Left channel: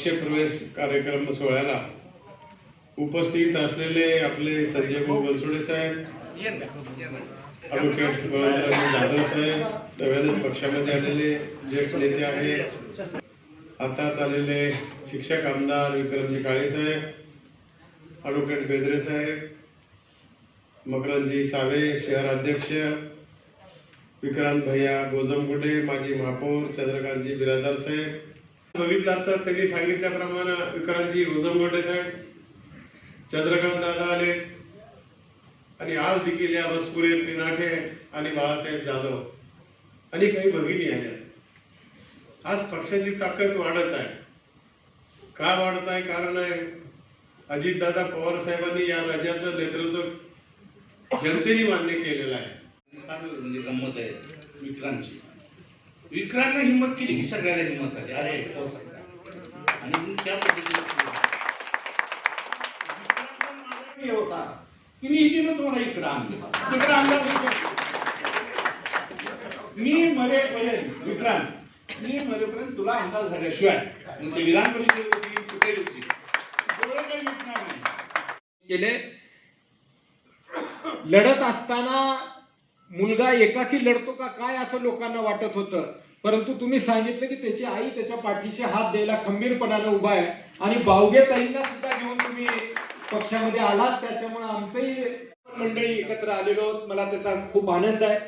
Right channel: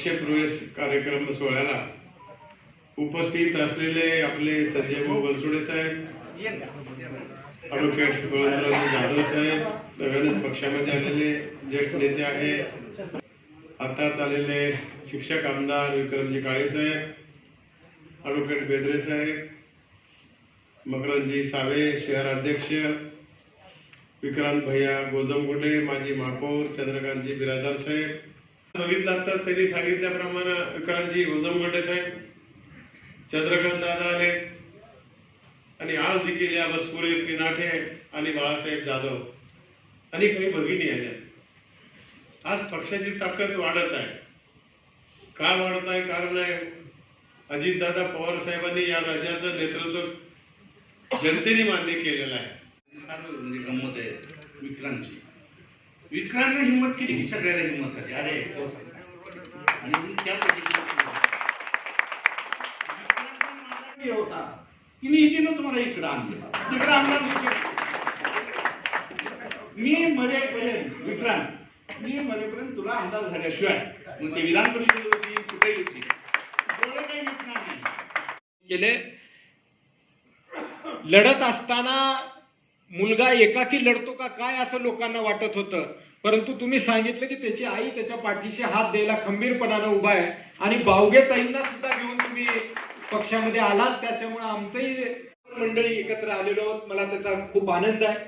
पक्षप्रवेश कार्यक्रम सोहळ्याला उपस्थित असलेले आपले संजय भाऊ बनसोडे साहेब, ॲडव्होकेट बळवंतराव जाधव साहेब, नव्यानेच पक्षामध्ये आलेले ज्येष्ठ नेते आहेत, आता चाललेले शिक्षक आमदार विक्रमजी काळे साहेब, ॲडव्होकेट बेदरे साहेब, मकरंदजी सावे शहर अध्यक्ष, विक्रांत भैया गोजमगुंडे माजी महापौर, चंद्रकांतजी बिरादार साहेब, बघितलं आताच त्यांनी सांगितल्याप्रमाणे विक्रांतजी गोजमगुंडे साहेब, चंद्रकांत दादा आले आणि आज देखील या बसपुरे पिनाठे आणि बाळासाहेब जाधव आणि काही भगिनी आल्या. आज पक्षाची ताकद वाढत आहे. का वाढत आहे? कारण आहे अजितदादा पवार साहेबांनी या राज्याचं नेतृत्व जनतेने मान्य केलेलं आहे. म्हणजे गंमत आहे विक्रांतनं हिंमत केली की सगळ्याला हिंमत आली. अरे हो सांगता आणि त्या पद्धतीने होता की मी इथे तुम्हाला इकडं आणलं मी मरेपर्यंत विक्रांत मी मरेपर्यंत तुला आमदार झाल्याशिवाय मग ते विधान परिषद होती कुठे होती डोळे काही विकणार नाही केले. लढत असताना मुलगा एकाकी लढतो का काय असं लोकांना वाटत होतं, परंतु तुम्ही सांगितलं की त्याची आई त्याच्या पाठीशी हात द्यायला खंबीरपणानं उभा आहे आणि बावगेताईंना सुद्धा घेऊन तुम्ही पक्षामध्ये आलात. त्याच्यामुळे आमचंही मंडळी एकत्र आलेलो आहोत. मला त्याचा खूप आनंद आहे.